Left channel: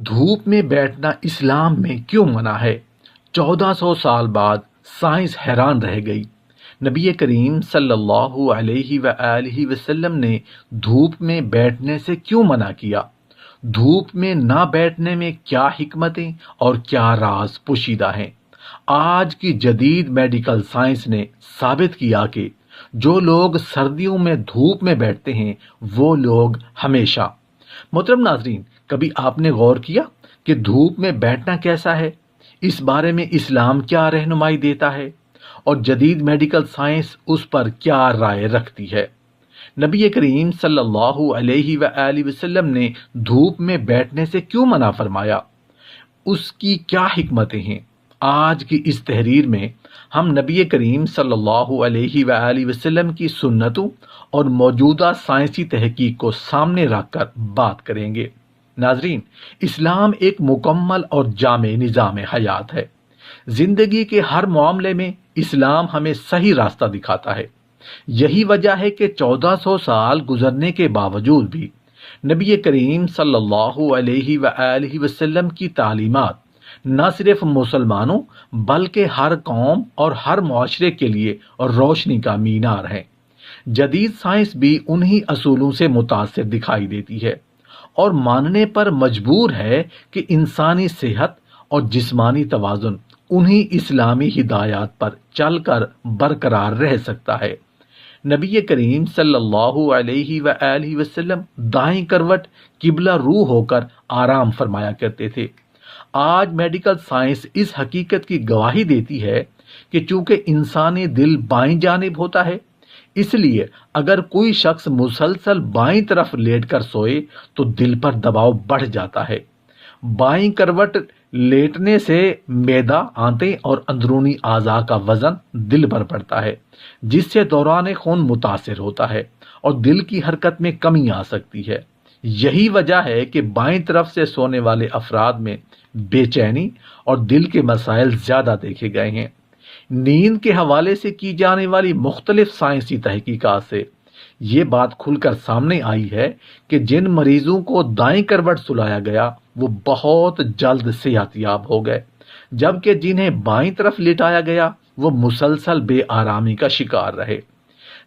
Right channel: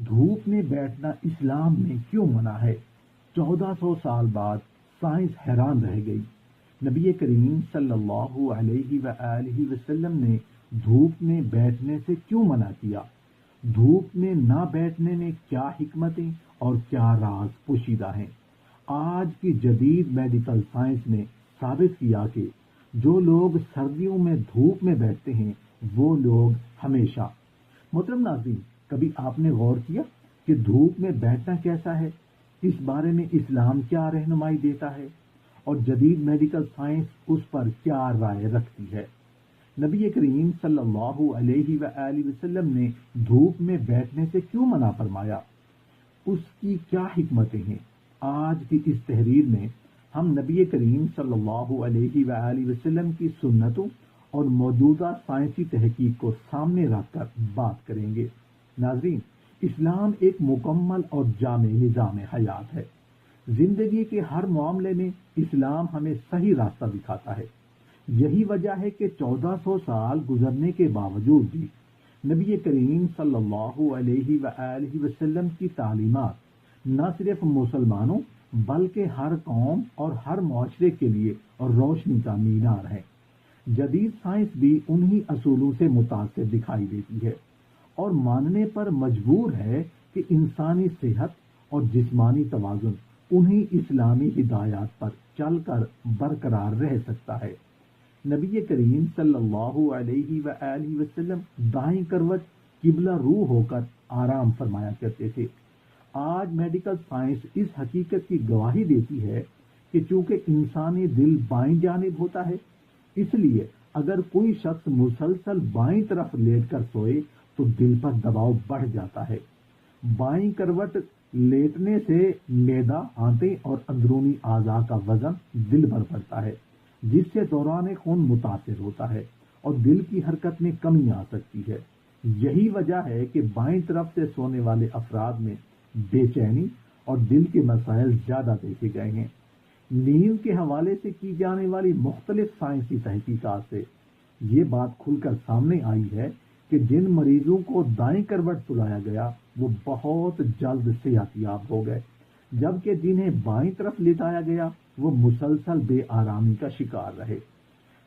دھوپ میں بیٹھنا اسلام میں کیوں منع ہے؟ 1400 سال بعد سائنس حیران رہ گئی۔ نبی کریم صلی اللہ علیہ وآلہ وسلم نے دھوپ میں بیٹھنے سے کیوں منع کیا؟ دھوپ میں نہ بیٹھنے میں کیا حکمتیں اور کیا راز پوشیدہ ہیں؟ آج کی جدید میڈیکل سائنس نے ثابت کیا کہ جو لوگ سردیوں میں دھوپ میں بیٹھتے ہیں وہ لوگ ہمیشہ۔ محترم ناظرین، کبھی آپ نے غور کیا کہ دھوپ میں بیٹھنا کیسا ہے؟ اس بارے میں اسلام کیا رہنمائی دیتا ہے اور جدید میڈیکل سائنس اس پر کیا رائے رکھتی ہے؟ نبی کریم صلی اللہ علیہ وآلہ وسلم نے دھوپ میں بیٹھنے سے کیوں منع فرمایا؟ اس کی کیا حکمتیں ہیں؟ آج کی اس تحریر میں ہم نبی کریم صلی اللہ علیہ وآلہ وسلم کی سنتوں اور موجودہ سائنسی تحقیق کو سامنے رکھ کر بات کریں گے۔ ناظرین، اسلام ایک مکمل اور جامع نظام حیات ہے۔ زندگی کے ہر معاملے میں اسلام ہمیں صحیح راستہ دکھاتا ہے۔ یہی وجہ ہے کہ 1400 سال گزرنے کے باوجود بھی نبی کریم صلی اللہ علیہ وآلہ وسلم کی تعلیمات نہ صرف مسلمانوں بلکہ ہر قوم اور ہر معاشرے کے لیے روشنی کا مینار ہے۔ جدید سائنس بھی انہی اصولوں سے متاثر دکھائی دیتی ہے اور ماننے پر مجبور ہے کہ انسانی صحت اور جسمانی توازن انہی اسلامی ہدایات پر چل کر برقرار رہ سکتا ہے۔ نبی کریم صلی اللہ علیہ وآلہ وسلم دائیں کروٹ قبلہ رو ہو کر آرام فرمایا کرتے تھے۔ آج میڈیکل سائنس اس حقیقت کی گواہی دیتی ہے کہ چونکہ انسانی دل بائیں جانب ہوتا ہے، اس لیے اگر کوئی شخص مسلسل بائیں طرف لیٹ کر سوئے تو دل پر دباؤ بڑھ جاتا ہے۔ بائیں کروٹ لیٹنے سے معدہ، آنتیں اور اندرونی اعضاء کا وزن دل پر پڑتا ہے، جس سے دوران خون متاثر ہوتا ہے اور دل کی حرکت میں کمی آ سکتی ہے۔ یہی وجہ ہے کہ بائیں طرف سے سونے والے افراد میں بے چینی اور دل کے مسائل زیادہ دیکھے گئے ہیں۔ نیند کے حوالے سے کی جانے والی مختلف سائنسی تحقیقات سے یہ بات کھل کر سامنے آئی ہے کہ جن مریضوں کو دائیں کروٹ سلایا گیا وہ بہت جلد صحت یاب ہو گئے، جبکہ جنہیں بائیں طرف لٹایا گیا وہ مسلسل بے آرامی کا شکار رہے۔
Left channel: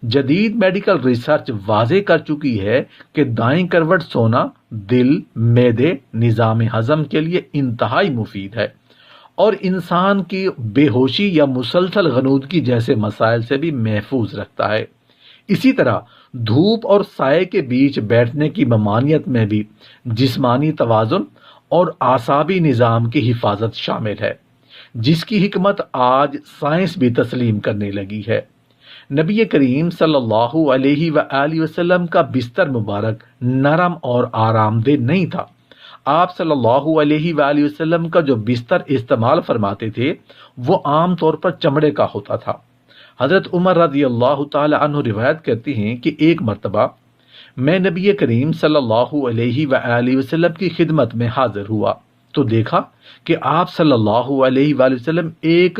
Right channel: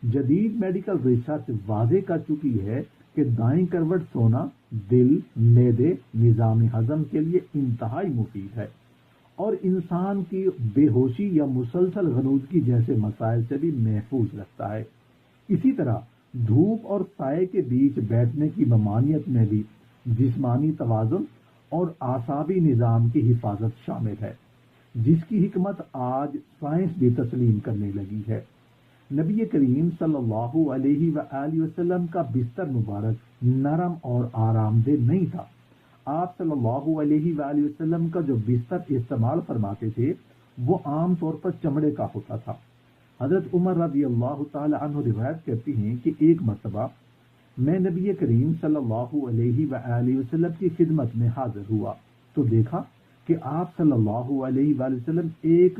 جدید میڈیکل ریسرچ واضح کر چکی ہے کہ دائیں کروٹ سونا دل، معدے، نظام ہضم کے لیے انتہائی مفید ہے اور انسان کی بے ہوشی یا مسلسل غنودگی جیسے مسائل سے بھی محفوظ رکھتا ہے۔ اسی طرح دھوپ اور سائے کے بیچ بیٹھنے کی ممانعت میں بھی جسمانی توازن اور اعصابی نظام کی حفاظت شامل ہے، جس کی حکمت آج سائنس بھی تسلیم کرنے لگی ہے۔ نبی کریم صلی اللہ علیہ وآلہ وسلم کا بستر مبارک نرم اور آرام دہ نہیں تھا۔ آپ صلی اللہ علیہ وآلہ وسلم کا جو بستر استعمال فرماتے تھے وہ عام طور پر چمڑے کا ہوتا تھا۔ حضرت عمر رضی اللہ تعالی عنہ روایت کرتے ہیں کہ ایک مرتبہ میں نبی کریم صلی اللہ علیہ وآلہ وسلم کی خدمت میں حاضر ہوا تو دیکھا کہ آپ صلی اللہ علیہ وآلہ وسلم ایک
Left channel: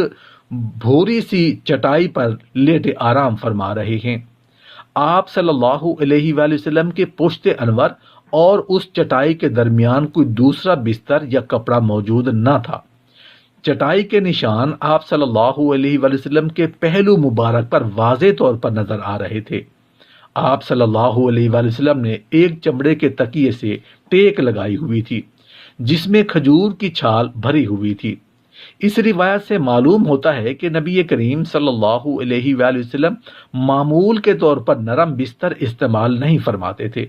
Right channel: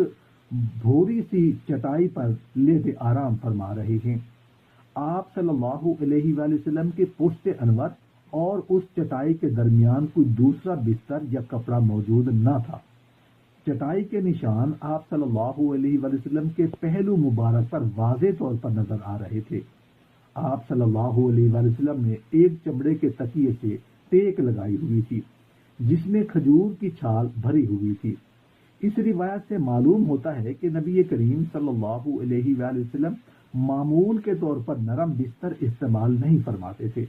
بھوری سی چٹائی پر لیٹے آرام فرما رہے ہیں۔ آپ صلی اللہ علیہ وآلہ وسلم کے پشت انور اور اس چٹائی کے درمیان کوئی دوسرا بستر یا کپڑا موجود نہ تھا۔ چٹائی کے نشان آپ صلی اللہ علیہ وآلہ وسلم کے پہلو مبارک پر واضح طور پر نظر آ رہے تھے۔ آپ صلی اللہ علیہ وآلہ وسلم نے ایک چمڑے کے تکیے سے ٹیک لگائی ہوئی تھی جس میں کھجور کی چھال بھری ہوئی تھی۔ اس روایت سے معلوم ہوتا ہے کہ نبی کریم صلی اللہ علیہ وآلہ وسلم معمول کے طور پر نرم بستر استعمال نہیں فرماتے تھے۔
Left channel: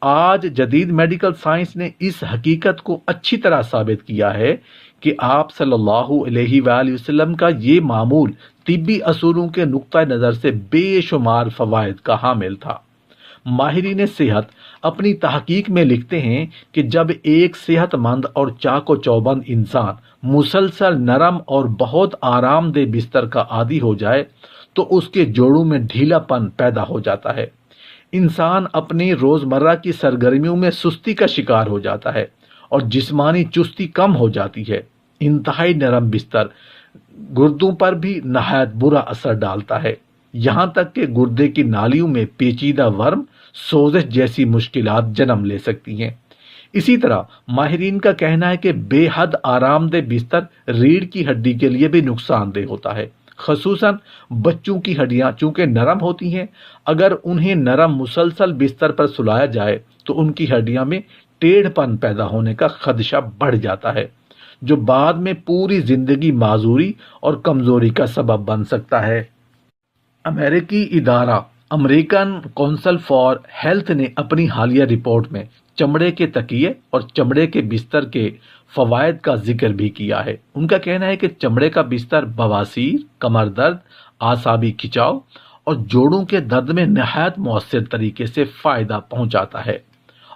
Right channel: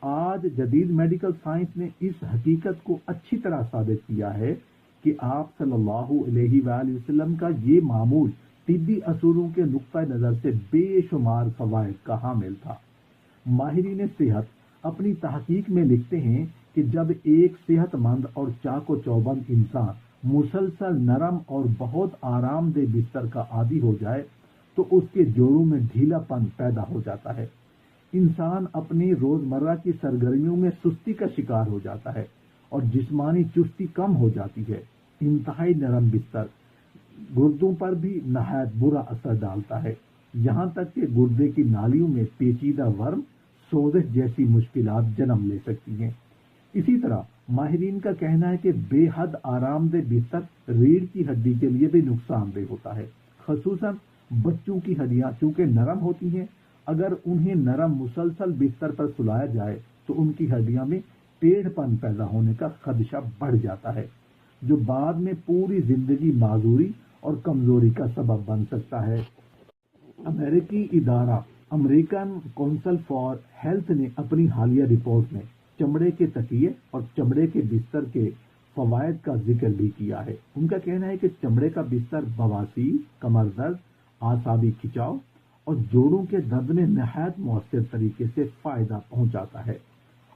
آج جدید میڈیکل سائنس نے اس حقیقت کو اچھی طرح ثابت کیا ہے کہ آپ صلی اللہ علیہ وآلہ وسلم کا یہ معمول طبی اصولوں کے نقطہ نظر سے بے شمار فوائد کا حامل تھا۔ ماہرین صحت اپنی تحقیق میں لکھتے ہیں کہ جب ایک صحت مند اور چاق و چوبند انسان مسلسل نرم اور بہت آرام دہ بستر کا عادی ہو جائے تو اس کے جوڑوں میں ڈھیلا پن پیدا ہو جاتا ہے۔ انسان اپنی روزمرہ کی سرگرمیوں میں سستی کا شکار ہو جاتا ہے اور جسمانی چستی کم ہو جاتی ہے۔ انتہائی نرم بستر گردوں پر بھی نہایت برا اثر ڈالتا ہے، یہاں تک کہ گردے کی نالیوں میں پیچیدہ ورم، سوزش جیسی مشکلات جنم لے سکتی ہیں۔ اسی طرح ماہرین کا کہنا ہے کہ بے حد آرام دہ بستر ریڑھ کی ہڈی کے لیے بھی نقصان دہ ہوتا ہے، خصوصاً بچوں کی ہڈیاں چونکہ نرم ہوتی ہیں، اگر انہیں نرم مسلسل بستر پر سلایا جائے تو ان کی ہڈیاں میں ٹیڑھ پن پیدا ہونے کا خدشہ بڑھ جاتا ہے، جو بعد میں پوری زندگی معذوری اور کمزوری کا سبب بن سکتا ہے۔ امریکی ادارہ امریکن کونسل فار ہیلتھ نے اپنی حالیہ رپورٹ میں چمڑے کے تکیے اور چمڑے کے بستر کے فوائد کا ذکر بھی کیا ہے۔ ان کا کہنا ہے کہ چمڑے کا بستر بواسیر، کمر درد، اعصابی کھچاؤ اور جوڑوں کے درد میں نہایت مؤثر طریقے سے فائدہ پہنچاتا ہے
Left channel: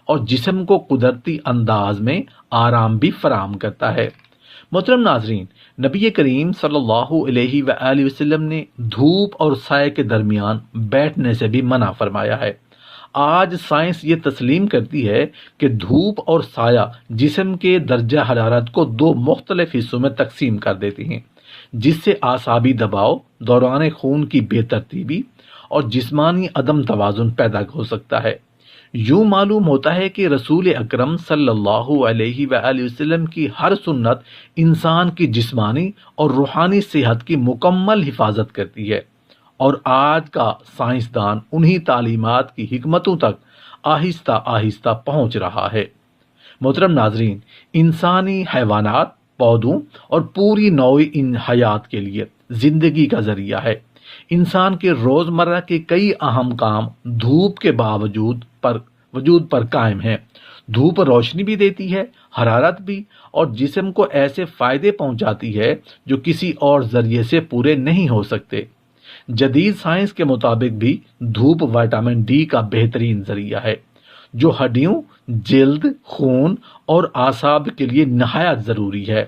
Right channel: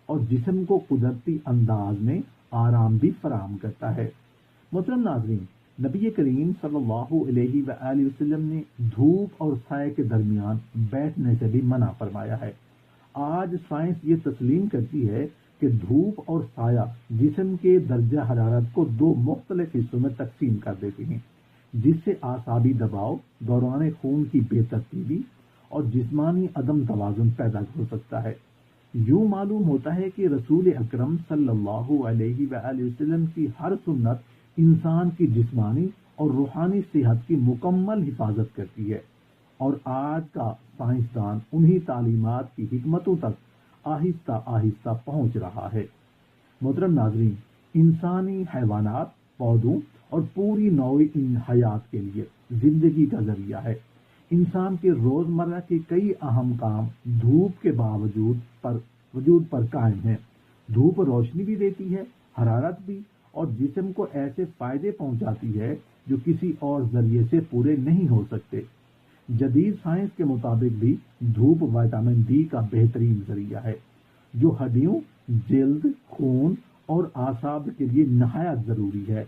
اور جسم کو قدرتی انداز میں آرام بھی فراہم کرتا ہے۔ محترم ناظرین، نبی کریم صلی اللہ علیہ وآلہ وسلم نے دھوپ اور سائے کے درمیان بیٹھنے سے بھی منع فرمایا ہے۔ آج سائنس یہ تسلیم کرتی ہے کہ دھوپ اور سایہ جسم کے درجہ حرارت کو دو مختلف حصوں میں تقسیم کر دیتی ہیں، جس سے اعصابی دباؤ، دوران خون کی بے ترتیبی اور جسمانی عدم توازن پیدا ہو سکتا ہے۔ یوں معلوم ہوتا ہے کہ رسول اکرم صلی اللہ علیہ وآلہ وسلم کی ہر سنت انسان کی جسمانی اور روحانی صحت کی مکمل حفاظت کرتی ہے، اور آج کا سائنسدان انہی تعلیمات کی حکمتوں تک آہستہ آہستہ پہنچ رہا ہے۔ محترم ناظرین، انسانی، حیوانات، پودوں اور پوری نوع حیات کے لیے زندگی کا ذریعہ ہے۔ انسان کے روزمرہ کے کئی اہم کام دھوپ کے وجود پر قائم ہیں۔ دھوپ روشنی بھی دیتی ہے، حرارت بھی، اور جسم کو ایسے فائدے پہنچاتی ہے جو کسی اور ذریعے سے پورے نہیں ہو سکتے۔ جدید سائنس کے مطابق بھی دھوپ وٹامن ڈی کا بہترین ذریعہ ہے، جو ہڈیوں، جلد، خون اور اعصاب کے لیے نہایت ضروری ہے۔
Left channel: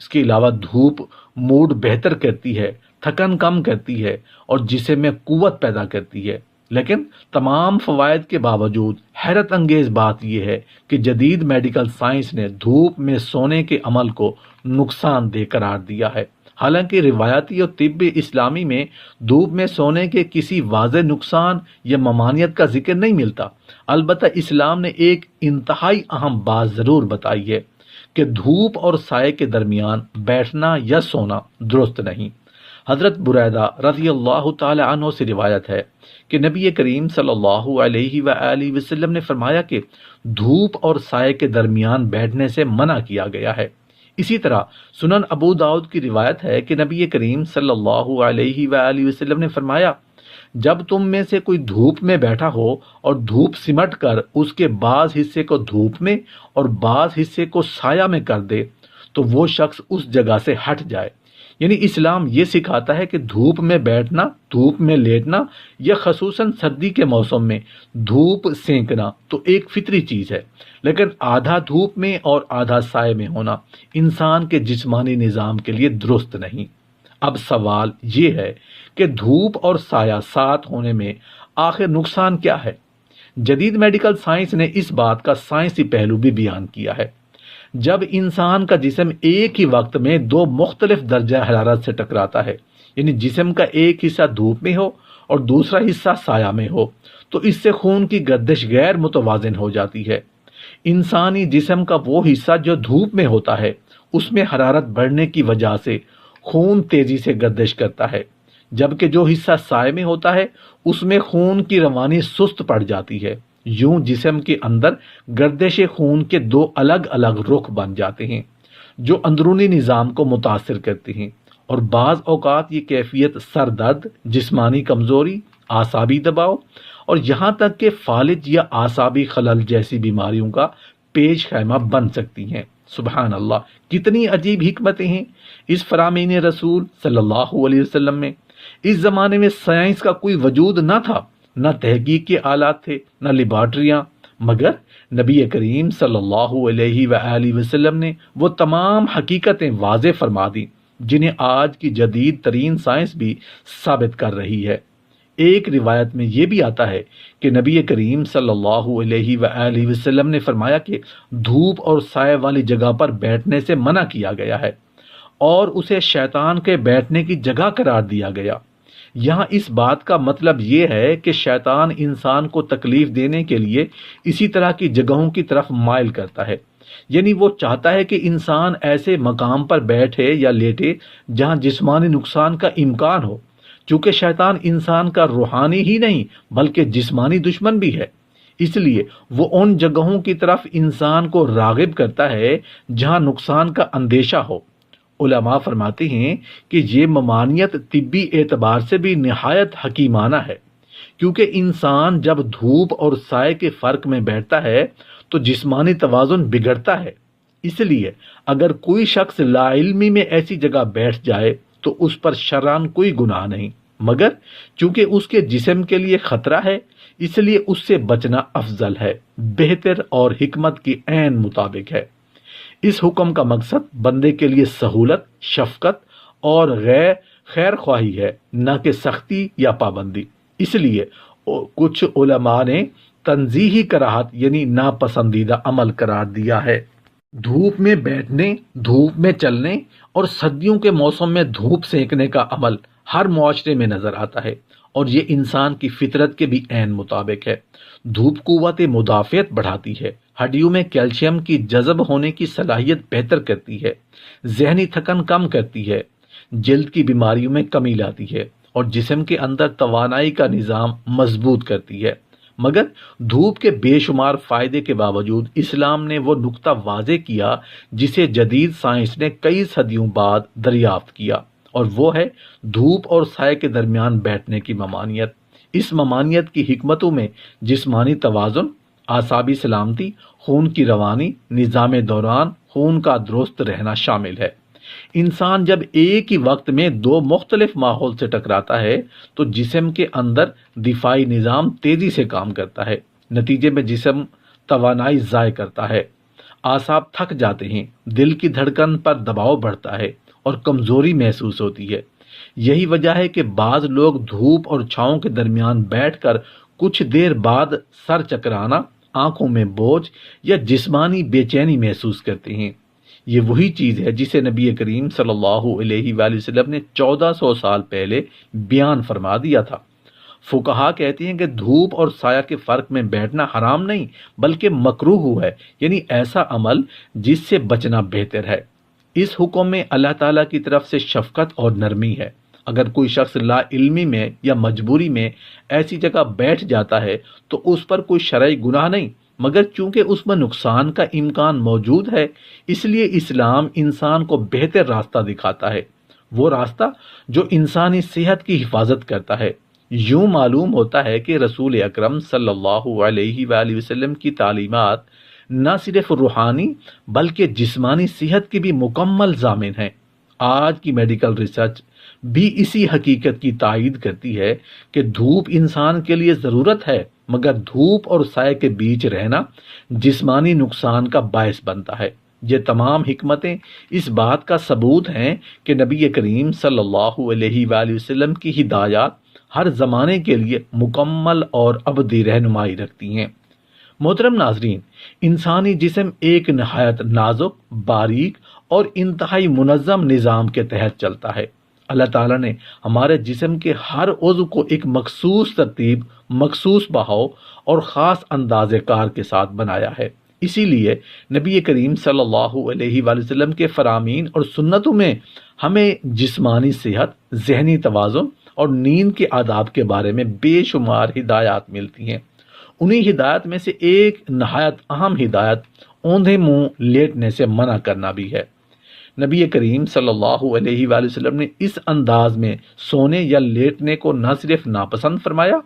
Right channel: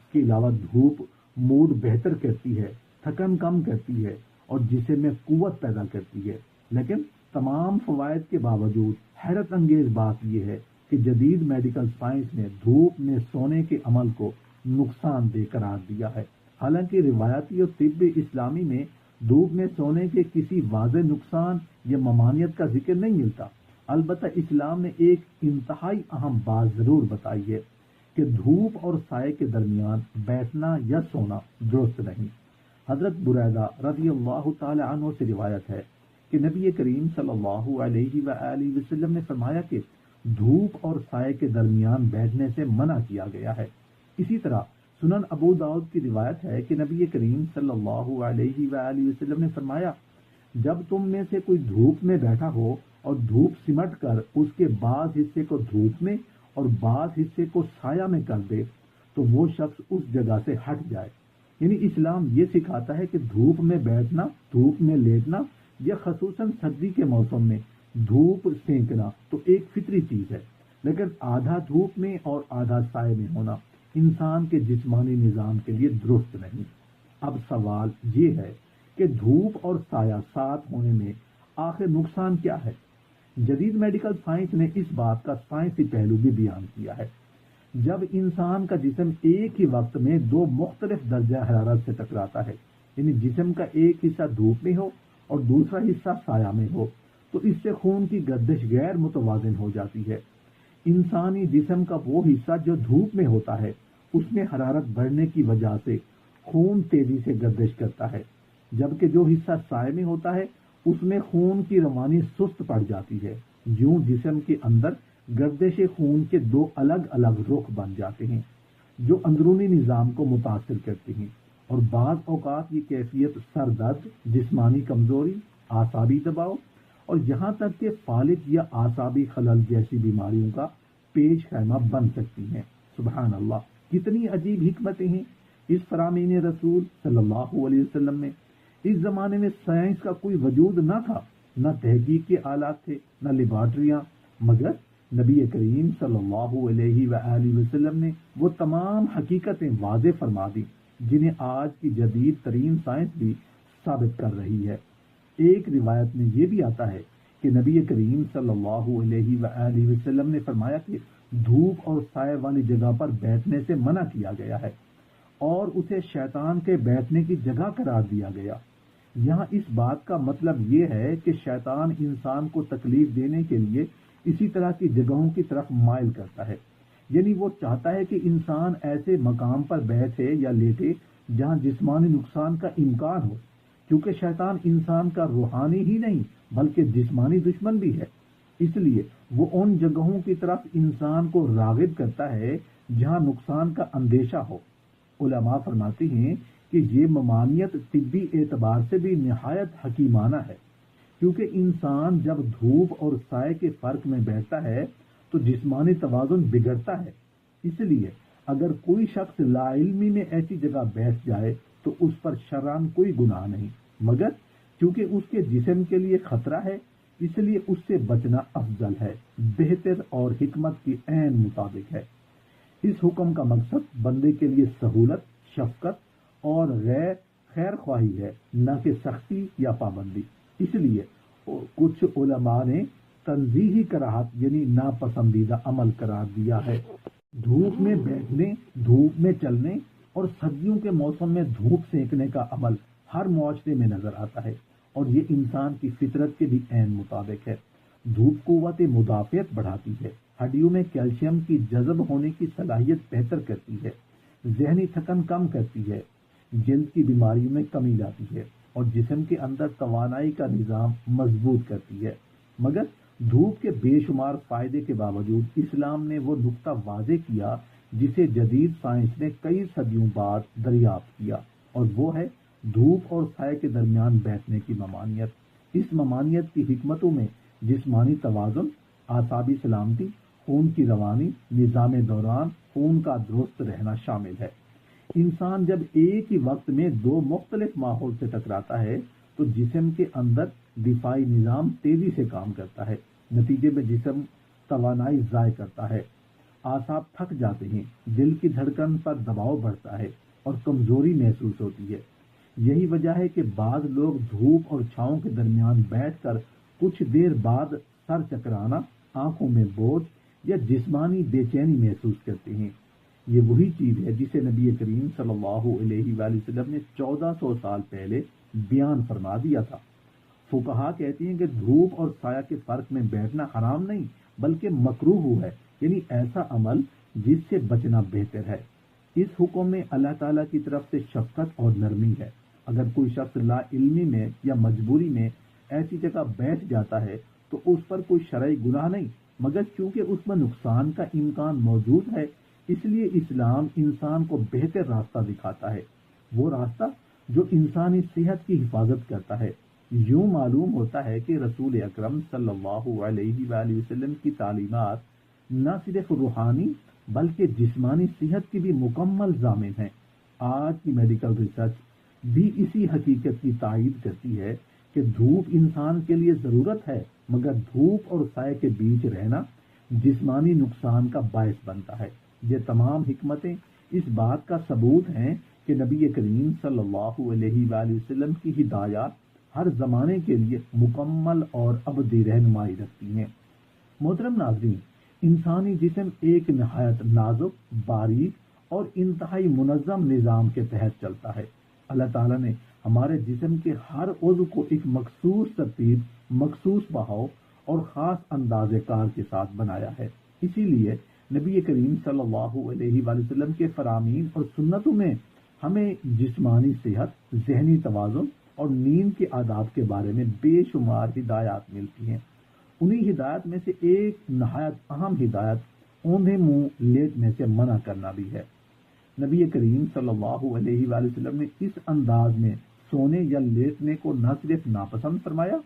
اس کے علاوہ دھوپ موڈ بہتر کرتی ہے، تھکن کم کرتی ہے اور جسم میں قوت پیدا کرتی ہے۔ لیکن تمام فوائد کے باوجود حیرت انگیز بات یہ ہے کہ جدید میڈیکل سائنس نے دھوپ میں سونے کے عمل کو نقصان دہ قرار دیا ہے۔ حالانکہ روایتی اور طب اسلامی میں دھوپ میں سونے کے کسی واضح نقصان یا ممانعت کا ذکر نہیں ملتا، البتہ اسلام نے ایک انتہائی اہم بات ضرور بتائی ہے کہ دھوپ اور سائے کے درمیان بیٹھنا یا سونا درست نہیں۔ حضرت بریدہ رضی اللہ تعالی عنہ سے روایت ہے کہ نبی کریم صلی اللہ علیہ وآلہ وسلم نے فرمایا کہ دھوپ اور سائے کے درمیان بیٹھنے سے منع کیا گیا ہے۔ اسی طرح سنن ابو داؤد کی روایت ہے کہ نبی کریم صلی اللہ علیہ وآلہ وسلم نے فرمایا، جب تم میں سے کوئی دھوپ میں بیٹھا ہو اور دھوپ سمٹ کر اس کے بعض حصے کو دھوپ میں اور بعض حصے کو سایہ میں کر دے تو وہ شخص اس جگہ سے ہٹ جائے۔ یعنی اسلام یہ سکھاتا ہے کہ دھوپ میں بیٹھنا، دھوپ میں لیٹنا یا خصوصاً سردی کے موسم میں دھوپ سینکنا تو ایک فطری چیز ہے، لیکن آدھا دھوپ میں اور آدھا سائے میں ہونا انسان کے جسمانی نظام کے لیے درست نہیں۔ اب سوال یہ ہے کہ دھوپ اور سایہ ساتھ ہونے میں آخر نقصان کیا ہے؟ جدید میڈیکل سائنس نے اس بات کا سائنسی پہلو بھی بیان کیا ہے۔ جب انسان کا جسم ایک ہی وقت میں دو مختلف درجہ حرارت سے ٹکراتا ہے، یعنی جسم کا ایک حصہ دھوپ میں ہو اور دوسرا حصہ سایہ میں ہو، تو اس سے خون کی گردش غیر متوازن ہو جاتی ہے۔ انسانی جسم کا وہ حصہ جو دھوپ میں ہوتا ہے، اس میں حرارت بڑھنے کی وجہ سے خون تیزی سے گردش کرتا ہے، جبکہ جو حصہ سائے میں ہوتا ہے اس میں خون کی روانی سست پڑ جاتی ہے۔ یوں جسم کے اندر گردش خون کے دو الگ الگ رخ بن جاتے ہیں جو اندرونی نظام کو متاثر کرتے ہیں، اور بعض اوقات یہ کیفیت سر درد، جسمانی کمزوری، اعصابی دباؤ اور یہاں تک کہ فالج یا اعصابی خلل جیسی بیماریوں کا پیش خیمہ بن سکتی ہیں۔ سبحان اللہ، کتنی عجیب حکمتیں ہیں اس فرامین رسول صلی اللہ علیہ وسلم میں۔ اس زمانے میں سائنس کا کوئی وجود نہ تھا، نہ تحقیق کے آلات تھے، نہ لیبارٹریاں، مگر نبی کریم صلی اللہ علیہ وآلہ وسلم نے وہ تمام حقیقتیں واضح فرما دیں جنہیں آج کی جدید ترین سائنس بھی ثابت کر رہی ہے۔ ایک روایت میں یہ بھی آتا ہے کہ نبی کریم صلی اللہ علیہ وآلہ وسلم نے فرمایا کہ دھوپ اور سائے والی جگہ پر بیٹھنے سے منع کیا گیا ہے اور اسے شیطان کے بیٹھنے کی جگہ قرار دیا گیا۔ یہاں اس بات کا مطلب یہ ہے کہ شیطان انسان کو تکلیف دینے کے لیے اسی طرح کی جگہوں کی طرف مائل کرتا ہے، یعنی وہ چاہتا ہے کہ انسان ایسے مقام پر بیٹھے یا لیٹے جہاں جسمانی نقصان کا امکان ہو، چونکہ شیطان انسان کا روحانی ہی نہیں بلکہ جسمانی دشمن بھی ہے، اس لیے وہ ان جگہوں کی طرف انسان کو راغب کرتا ہے جہاں نقصان کا اندیشہ ہو۔ علماء فرماتے ہیں کہ یہ ممانعت طبی اعتبار سے بھی نہایت حکیمانہ ہے، کیونکہ انسان جب دھوپ اور سائے کے فرق میں بیٹھتا ہے تو جسمانی توازن بگڑتا ہے۔ اس لیے اگر کوئی شخص لا علمی میں ایسی جگہ بیٹھ جائے تو اس پر شرعاً کوئی گناہ نہیں، مگر چونکہ اس کے جسم کے لیے خطرہ ہے اس لیے اس سے بچنا افضل ہے، بہتر اور حکمت کی عین مطابق ہے۔ اس حکم کا مقصد بندے کے لیے سہولت، شفقت اور خیر خواہی ہے، نہ کہ سختی یا پابندی۔ اس لیے کچھ علماء نے تنزیہی کراہت یعنی ناپسندیدہ عمل قرار دیا ہے۔ دھوپ میں بیٹھنے، دھوپ میں چلنے اور سردیوں کے موسم میں دھوپ سینکنے کا عمل ہر معاشرے میں نظر آتا ہے، اور یہ انسان کی فطرت کے بھی عین مطابق ہے۔ دھوپ قوت مدافعت بڑھاتی ہے، ہڈیوں میں کیلشیم کی جذب ہونے کی صلاحیت بہتر کرتی ہے، ذہنی تھکن کم کرتی ہے، جلد کی بیماریوں میں کمی لاتی ہے اور جسم کے اندر توانائی کا نظام مضبوط کرتی ہے۔ مگر دھوپ کے بے شمار فائدے کے باوجود اسلام نے وہ نقطہ واضح کیا جسے جدید سائنس نے کئی صدیوں بعد دریافت کیا، اور وہ ہے دھوپ اور سائے کے درمیان بیٹھنے کی ممانعت۔ اس ممانعت کی حکمتوں میں جسمانی توازن، اعصابی سلامتی، خون کی روانی، نظام دوران خون کا درست رہنا شامل ہے۔ انسان جب ایک ہی وقت میں دو مختلف ماحول سے ٹکراتا ہے تو جسم کے اندر دفاعی نظام تیزی سے کام کرتا ہے، نتیجے میں جسم توانائی ضائع کرتا ہے، اعصاب تھک جاتے ہیں، دل کی دھڑکن پر دباؤ بڑھتا ہے اور کمزوری محسوس ہوتی ہے۔ یہی وجہ ہے کہ بعض لوگ دھوپ اور چھاؤں کے درمیان بیٹھ کر کچھ دیر بعد سر چکرانا، آنکھوں میں بوجھ یا جسمانی بے چینی محسوس کرتے ہیں۔ یہ وہی چیز ہے جسے نبی کریم صلی اللہ علیہ وآلہ وسلم نے 1400 سال پہلے بیان فرما دیا تھا۔ فقہا کہتے ہیں کہ دھوپ اور سایہ کے فرق میں بیٹھنا حرام نہیں بلکہ مکروہ ہے، یعنی ایسا عمل جس سے بچنا بہتر ہے۔ اس حکم میں اللہ تعالیٰ کی طرف سے شفقت اور نرمی ہے۔ اگر کوئی شخص لا علمی میں یا مجبوری میں ایسی جگہ بیٹھ جاتا ہے تو اس پر کوئی شرعی گناہ نہیں، مگر چونکہ اس میں نقصان کا امکان موجود ہے اس لیے اسلام انسان کو بہتر راستہ دکھاتا ہے، وہ راستہ جو انسانی صحت کی حفاظت کرتا ہے۔ یوں معلوم ہوتا ہے کہ رسول اکرم صلی اللہ علیہ وآلہ وسلم کی تعلیمات نہ صرف روحانی بلکہ جسمانی صحت کی بھی مکمل ضامن ہیں۔ آج کی میڈیکل ریسرچ بھی اسی حقیقت کی تائید کرتی ہے کہ دھوپ انسان کے لیے ضرورت ہے، مگر دھوپ اور سائے کے بیچ رہنا جسمانی نقصان کا باعث بنتا ہے۔ یہ تمام حکمتیں اس بات کا ثبوت ہیں کہ نبی کریم صلی اللہ علیہ وآلہ وسلم کی ہدایات ہر زمانے کے لیے مکمل اور ابدی رہنمائی رکھتی ہیں۔ محترم ناظرین، انسانی جسم ایک نہایت نازک، باریک اور انتہائی منظم نظام کے تحت چلتا ہے۔ اللہ تعالیٰ نے ہمارے جسم کے ہر عضو کو ایک مخصوص ترتیب، مخصوص بہاؤ اور خاص انداز کار کے ساتھ بنایا ہے۔ اسی لیے نبی کریم صلی اللہ علیہ وآلہ وسلم کے فرامین اور سنتوں میں ہمیں جسمانی صحت، ذہنی توازن اور نیند کے آداب کے بارے میں بے شمار ہدایات ملتی ہیں۔ انہی ہدایت میں سے ایک نہایت اہم ہدایت اوندھے منہ لیٹنے سے منع کرنا بھی ہے۔ نبی کریم صلی اللہ علیہ وآلہ وسلم نے اس انداز میں سونے یا لیٹنے کو نہ صرف ناپسند فرمایا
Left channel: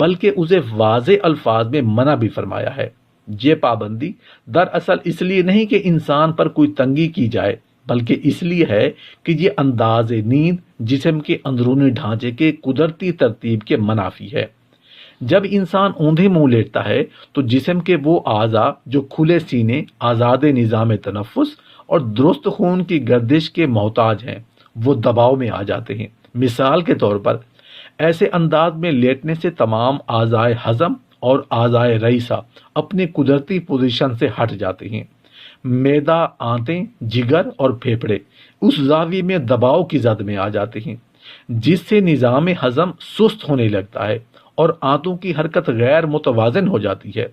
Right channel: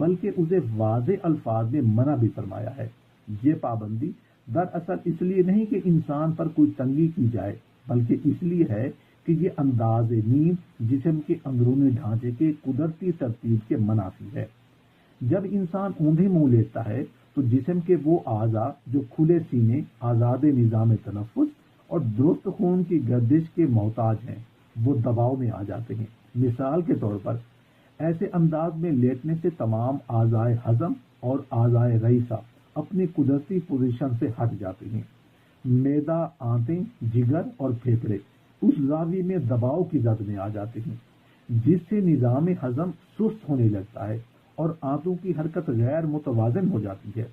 بلکہ اسے واضح الفاظ میں منع بھی فرمایا ہے۔ یہ پابندی دراصل اس لیے نہیں کہ انسان پر کوئی تنگی کی جائے بلکہ اس لیے ہے کہ یہ انداز نیند جسم کے اندرونی ڈھانچے کے قدرتی ترتیب کے منافی ہے۔ جب انسان اوندھے منہ لیٹتا ہے تو جسم کے وہ اعضاء جو کھلے سینے، آزاد نظام تنفس اور درست خون کی گردش کے محتاج ہیں وہ دباؤ میں آ جاتے ہیں۔ مثال کے طور پر ایسے انداز میں لیٹنے سے تمام اعضائے ہضم اور اعضائے رئیسہ اپنی قدرتی پوزیشن سے ہٹ جاتے ہیں۔ معدہ، آنتیں، جگر اور پھیپھڑے اس زاویے میں دباؤ کی زد میں آ جاتے ہیں۔ جس سے نظام ہضم سست ہونے لگتا ہے اور آنتوں کی حرکت غیر متوازن ہو جاتی ہے۔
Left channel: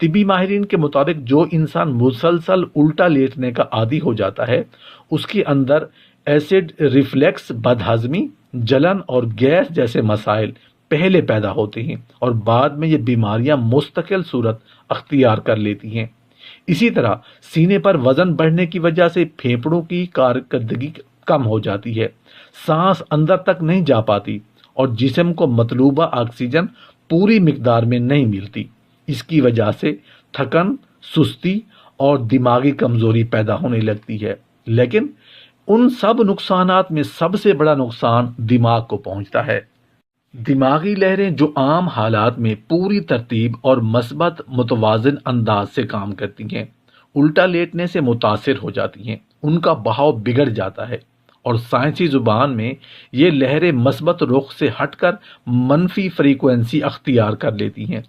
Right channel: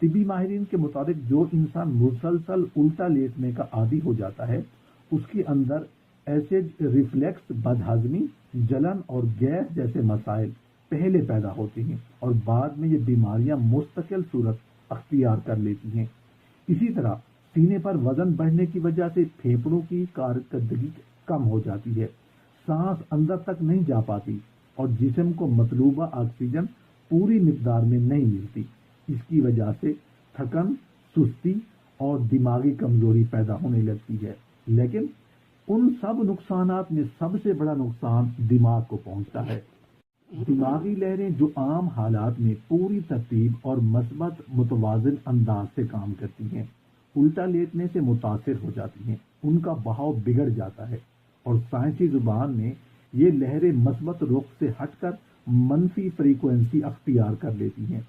طبی ماہرین کے مطابق جو انسان مسلسل الٹا لیٹنے کا عادی ہو جاتا ہے اس کے اندر ایسڈ ریفلیکس، بدہضمی، جلن اور گیس جیسے مسائل پہلے پیدا ہوتے ہیں اور بعد میں یہ بیماریاں مستقل صورت اختیار کر لیتی ہیں۔ اسی طرح سینے پر وزن بڑھنے کی وجہ سے پھیپھڑوں کی کارکردگی کم ہو جاتی ہے، سانس اندر تک نہیں جا پاتی اور جسم کو مطلوبہ آکسیجن پوری مقدار میں نہیں ملتی۔ اس کی وجہ سے تھکن، سستی اور دماغی کمزوری پیدا ہونے لگتی ہے۔ لیکن ان سب نقصانات میں سب سے بڑا نقصان دماغ کو پہنچتا ہے۔ دماغی لہریں جو عام حالات میں پوری ترتیب اور مثبت متوازن انداز سے کام کرتی ہیں، الٹا لیٹنے سے متاثر ہو جاتی ہیں، ان کا بہاؤ بگڑ جاتا ہے اور سائنسی زبان میں یہ لہریں مثبت رخ سے ہٹ کر منفی فریکوینسی اختیار کر لیتی ہیں۔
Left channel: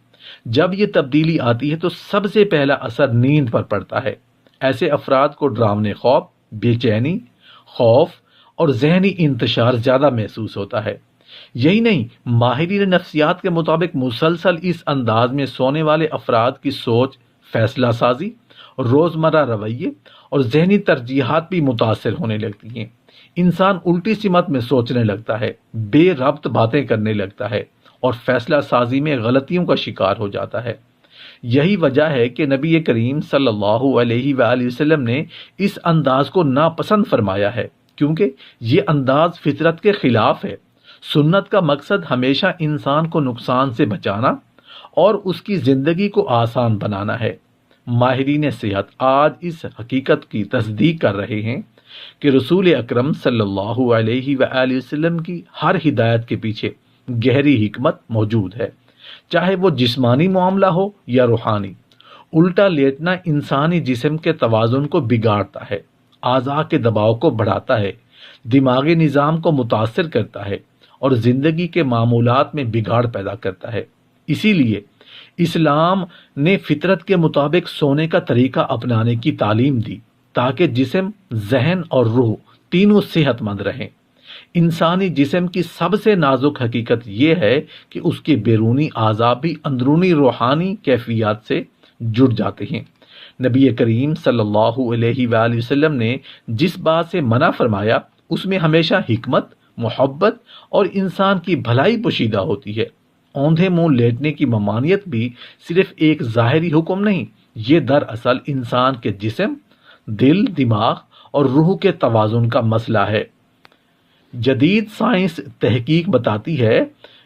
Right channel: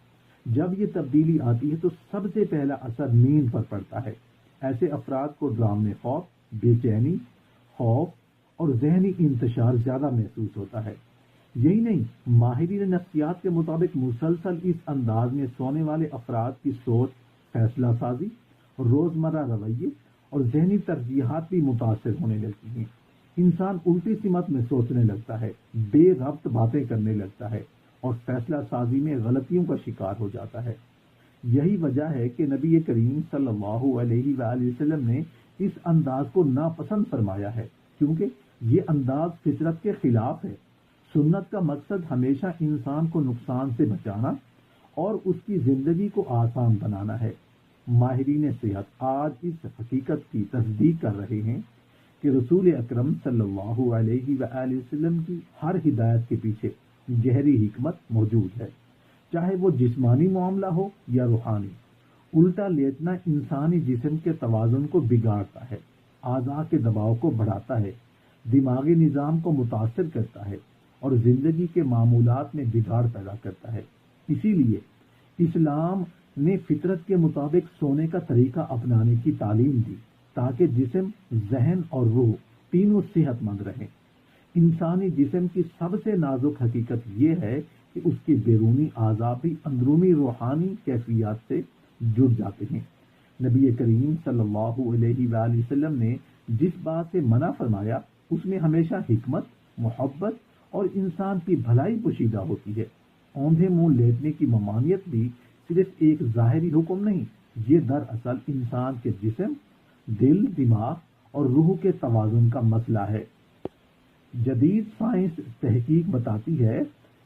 جب یہ تبدیلی آتی ہے تو سب سے پہلا اثر نیند پر پڑتا ہے۔ ایسے افراد کو ڈراونے خواب، بے چینی، خوف اور ذہنی انتشار زیادہ محسوس ہوتا ہے۔ یہی نہیں، ماہرین نفسیات کے مطابق مسلسل اس انداز میں سونے والے افراد کی سوچ، فیصلہ سازی، روزمرہ رویے اور ذہنی ترجیحات بھی متاثر ہونے لگتی ہیں۔ انسان الٹی سمت میں سوچنے لگتا ہے، بے ربط باتیں کرنے لگتا ہے اور فیصلہ سازی میں غلطیوں کا شکار ہو جاتا ہے۔ یہی وجہ ہے کہ نبی کریم صلی اللہ علیہ وآلہ وسلم نے اس انداز کو ناپسند فرمایا ہے، کیونکہ یہ انداز فطرت کے خلاف ہے۔ سنت کا مقصد ہمیشہ انسان کو نقصان سے بچانا اور اس کی زندگی کو آسان بنانا ہے۔ ماہرین صحت آج اس حقیقت کی تصدیق کر رہے ہیں کہ رسول اکرم صلی اللہ علیہ وآلہ وسلم کی ہر ہدایت کے پیچھے گہری حکمت موجود ہے، چاہے وہ جسمانی معاملہ ہو یا روحانی۔ الٹا لیٹنا انسانی جسم کے توازن کو بگاڑتا ہے، اعضاء کے دباؤ کو بڑھاتا ہے، دماغی نظام کو متاثر کرتا ہے اور زندگی کے معمولات میں بگاڑ پیدا کرتا ہے۔ اسی لیے اسلام نے فطرت کے مطابق سونے کا طریقہ اپنانے کی تعلیم دی تاکہ جسم، ذہن اور روح تینوں صحت مند رہیں۔ انسانی جسم کی سب سے نازک حقیقت یہ ہے کہ اس کے بیرونی اعضاء بھی اندرونی روحانی کیفیات سے جڑ جاتے ہیں۔ نبی کریم صلی اللہ علیہ وآلہ وسلم نے جس بات سے منع فرمایا اس میں ہمیشہ حکمت، محبت اور انسان کی بھلائی پوشیدہ ہوتی ہے۔ اوندھے منہ لیٹنے کی ممانعت بھی صرف ایک ظاہری حکم نہیں، یہ دراصل انسان کے جسم، دل، دماغ اور روح کے توازن کا مسئلہ ہے۔ جدید سائنس تحقیق بتاتی ہے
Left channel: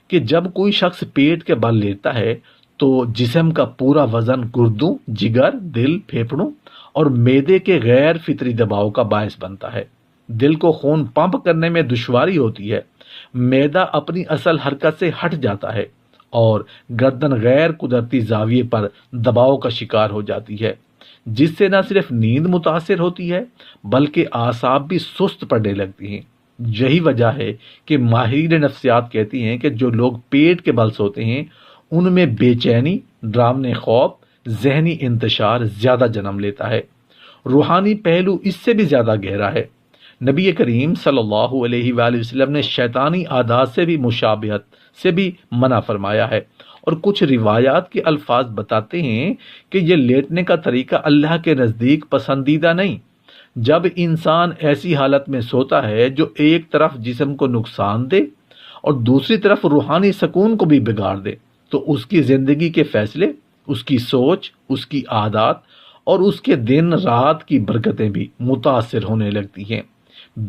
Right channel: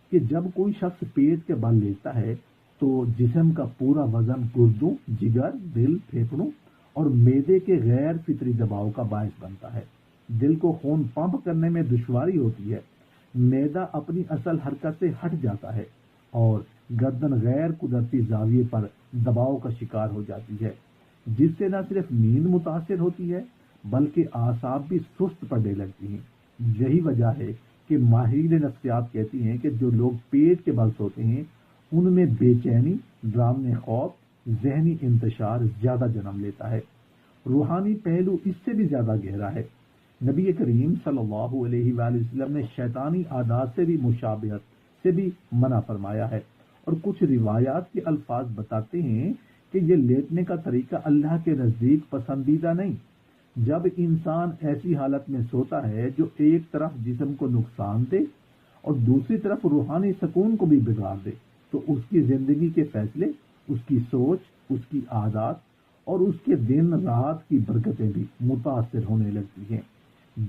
کہ جب کوئی شخص پیٹ کے بل لیٹتا ہے تو جسم کا پورا وزن گردوں، جگر، دل، پھیپھڑوں اور معدے کے غیر فطری دباؤ کا باعث بنتا ہے۔ دل کو خون پمپ کرنے میں دشواری ہوتی ہے، معدہ اپنی اصل حرکت سے ہٹ جاتا ہے اور گردن غیر قدرتی زاویے پر دباؤ کا شکار ہو جاتی ہے، جس سے نہ صرف نیند متاثر ہوتی ہے بلکہ اعصاب بھی سست پڑنے لگتی ہیں۔ یہی وجہ ہے کہ ماہرین نفسیات کہتی ہیں کہ جو لوگ پیٹ کے بل سوتے ہیں ان میں بے چینی، ڈراونے خوف، ذہنی انتشار زیادہ جنم لیتا ہے۔ روحانی پہلو اس سے بھی زیادہ گہرا ہے۔ نبی کریم صلی اللہ علیہ وآلہ وسلم نے شیطانی عادات سے بھی مشابہت سے بھی منع فرمایا ہے، اور کچھ روایات کے الفاظ بتاتے ہیں کہ یہ لیٹنے کا طریقہ اللہ کے نزدیک پسندیدہ نہیں۔ جب انسان ایسی حالت میں سوتا ہے جو ایک طرف جسم کو نقصان دے اور دوسری طرف روحانی سکون کو بھی بگاڑ دے تو اس کی زندگی کے فیصلے، اس کی سوچ، اس کی عادات اور اس کے دن رات کی برکتیں بھی متاثر ہونے لگتی ہیں۔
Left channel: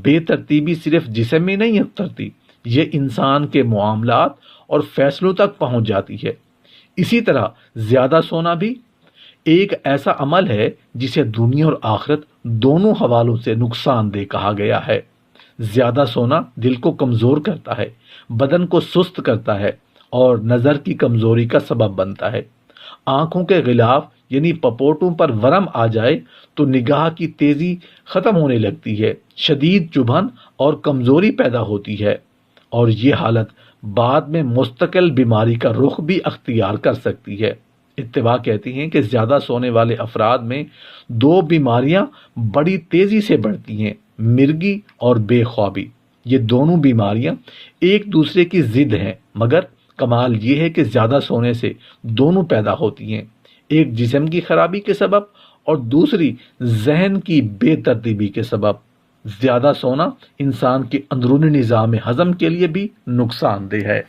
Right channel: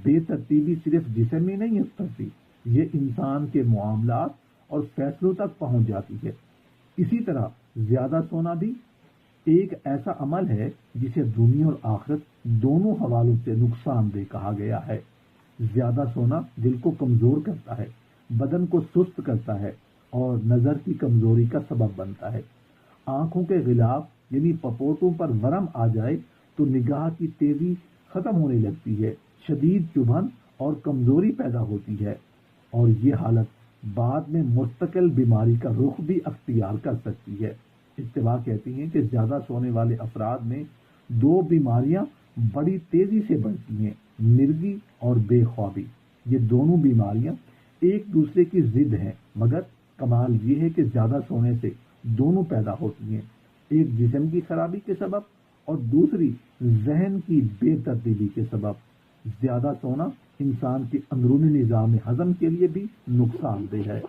بے ترتیبی صرف جسم میں نہیں اترتی، یہ انسان کے معاملات اور فیصلوں تک پہنچ جاتی ہے۔ اسی طرح زیادہ سونا بھی ایک ایسا عمل ہے جسے دنیا اور آخرت دونوں حوالوں سے نقصان دہ کہا گیا ہے۔ زیادہ سونا دل کو کمزور کرتا ہے، بدن کو سست کرتا ہے اور نظر کی کمزوری کا سبب بنتا ہے۔ آنکھوں کے غلاف یعنی پپوٹوں پر ورم آ جائے تو نگاہ کی تیزی ختم ہونے لگتی ہے، شدید چبھن اور کمزوری پیدا ہوتی ہے، اور یہ حالت بعد میں مستقل بیماری کا رخ بھی اختیار کر سکتی ہے۔ اتباع کہتی ہیں کہ زیادہ سونے والے افراد میں دو بیماریاں بڑی تیزی سے بڑھتی ہیں، مرگی اور بے خوابی، یہ دونوں بیماریاں ایک دوسرے کی ضد ہیں، مگر کمال یہ ہے کہ زیادہ سونے سے دونوں پیدا ہوتی ہیں، ایک جسم کی خرابی کے سبب اور دوسری ذہن کی بے ترتیبی کے سبب۔ زیادہ سونا انسان کے اندرونی نظام ہضم کے لیے بھی نقصان دہ ہے۔